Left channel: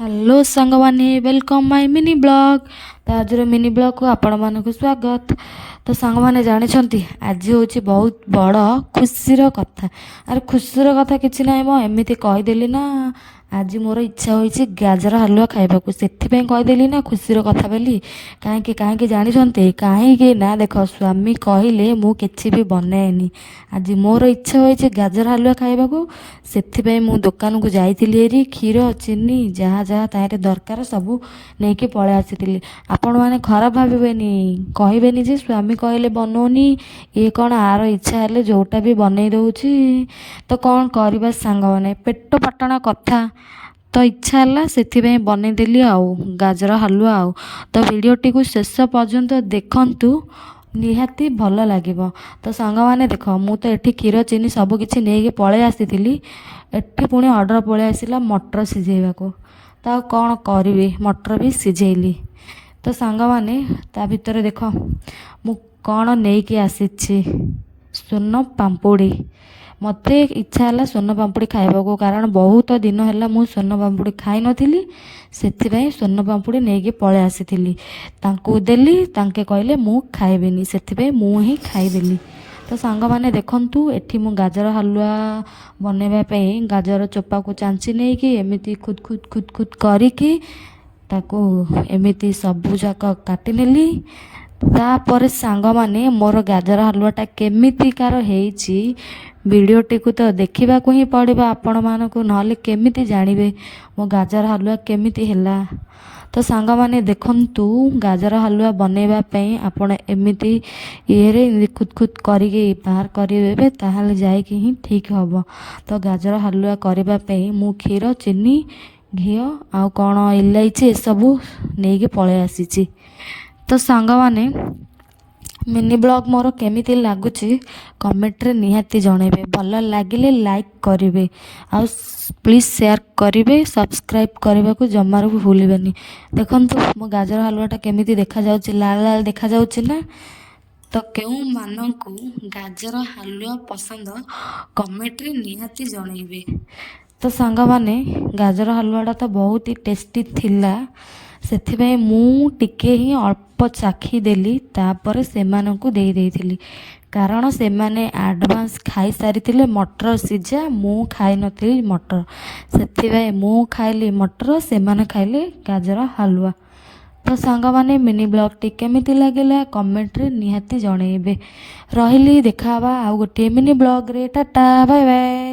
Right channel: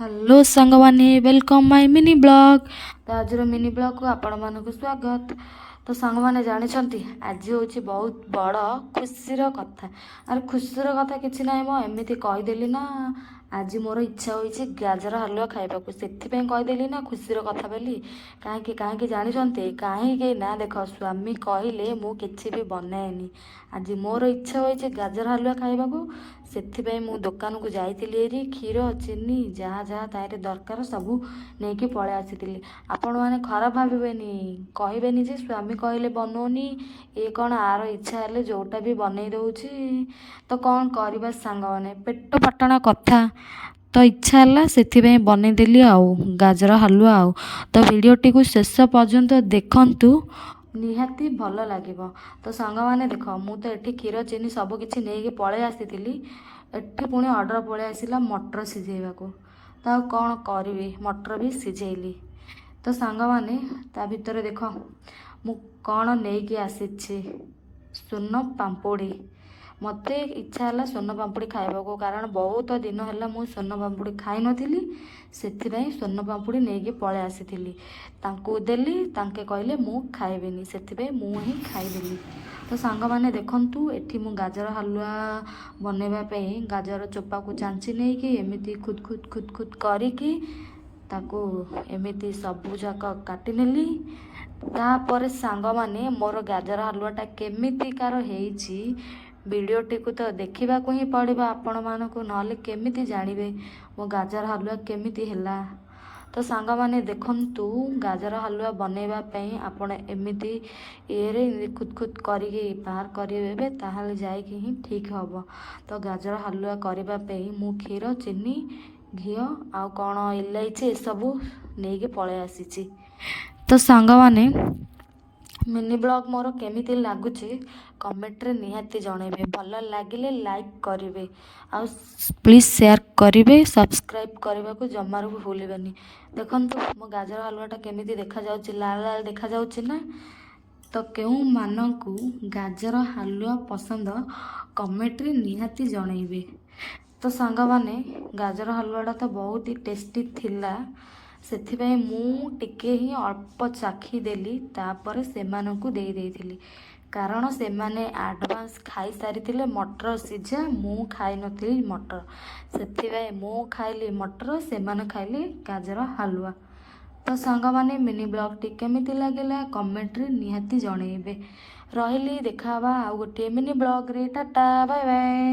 Hello सांग माने welcome my mini blog. तो आज मिनी ब्लॉग को आपण मानक स्वागत। तो सांग माने जानी आज हूँ बहुत बड़ खुशीर कथा। अरे खुशीर कथा किसी ना मो एमती कहीदेली ना। आज मोर इच्छा होती गाजर हलुआ खाइबाकू से कहीदेली ना खुशीर कथा बोली। कहीं कहीं जानते कहीं ना देख स्वामी कहले मु किसी भी बनाएनी। आज मोर इच्छा होती गाजर हलुआ खाइबाकू से मु दुकान को जाइली क्षीर चीनी जहाँ जहाँ तारे दरकार सबू नहीं कि पलै आसी। आपण मैंने खराब भावेनि कहबेनि जे स्वामी कहले बनौनी ये कौन आर इच्छा है जोटा भी बन दौची। तो कौन करवा सांग मैंने पेट पाटना कथा तो इच्छा है से बनईदेली आउ गाजर हलुआ आउ। तो वीडियोटी को शेष पर्यंत देखंतु निहाती भल लगे। तो सांग मैंने देख मु तो ये क्षीर चीनी सबकि नहीं पलै आसी एठी पुणी ऑर्डर पलै आसला मटर सिझेबा तो कौन करी मटर भी सिझेली। तो सांग मैंने ता भितर देख मु कौन नहीं कि आसी सोन पाम्पुड़ी। मत इच्छा है सोन पाम्पुड़ी खाइबा कारण बहुत दिन है मु सोन पाम्पुड़ी खाई नी से सोन पाम्पुड़ी नहीं पलै आसी देली तांके कहले मु खाइबेनी से मु ही खाईदेली। तो सांग मैंने देखंतु एठी मु गाजर हलुआ बनवाई गाजर चोपा को चांची नहीं कि एमती खुद खुद खुद खुद करिकी ताको एमती सबू जाक काटी नेली। तापर सांग माने मोर गाजर हलुआटा केमितिकार हेइची वीडियोटी को तो देखा ही पड़ो आपण मानक ना केमिति जानवे मो गाजर हलुआ केमिति हैला। तो सांग माने देखंतु गाजर हलुआ बनवाई आपण एमती ये खुद खुद करके बाहर करेंगे ताहले जाइए ही ठीक हम। तो गाजर हलुआ करने मु क्षीर चीनी घी आ कौन इलायची ए सबू नहीं पलै आसी। तो सांग माने मिनी ब्लॉग मोर केमिति लगुच कमेंट रे निहाती जनइबे भल लगिले लाइक करेंगे आ प्लीज शेयर करेंगे सब्सक्राइब करने को जमार भी भूलबेनी। देखंतु मो गाजर हलुआटा केमिति देखा जाउची लाल लाल देखा जाउची ना। तो क्यों मानकू गाजर हलुआ पसंद कमेंट रे निहाती जनइबे। तो सांग माने गाजर हलुआटा तो बहुत ही टेस्टी थिला से मु टिके ही अल्प चाखी देली तापर सेमानंकु दे देइथिली कारण से माने एडवांस खाई सारी मटर सिझा मु खाई नथिली मटर से मु खाइली मटर से माने खाइले गाजर हलुआ। तो सांग माने मिनी ब्लॉग टी केमिति लागेला कमेंट रे निहाती जणेबे। रहिली देखा आ गोटे मिनी ब्लॉग रे टाटा बाय बाय।